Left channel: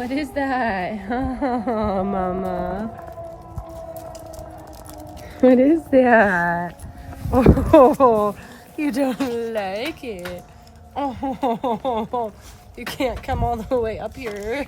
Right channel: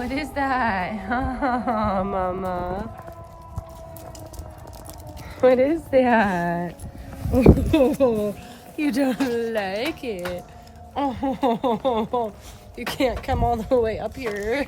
What is that? Mama. What is that? Oh, you don't like it. Oh, you can't come all the way up here.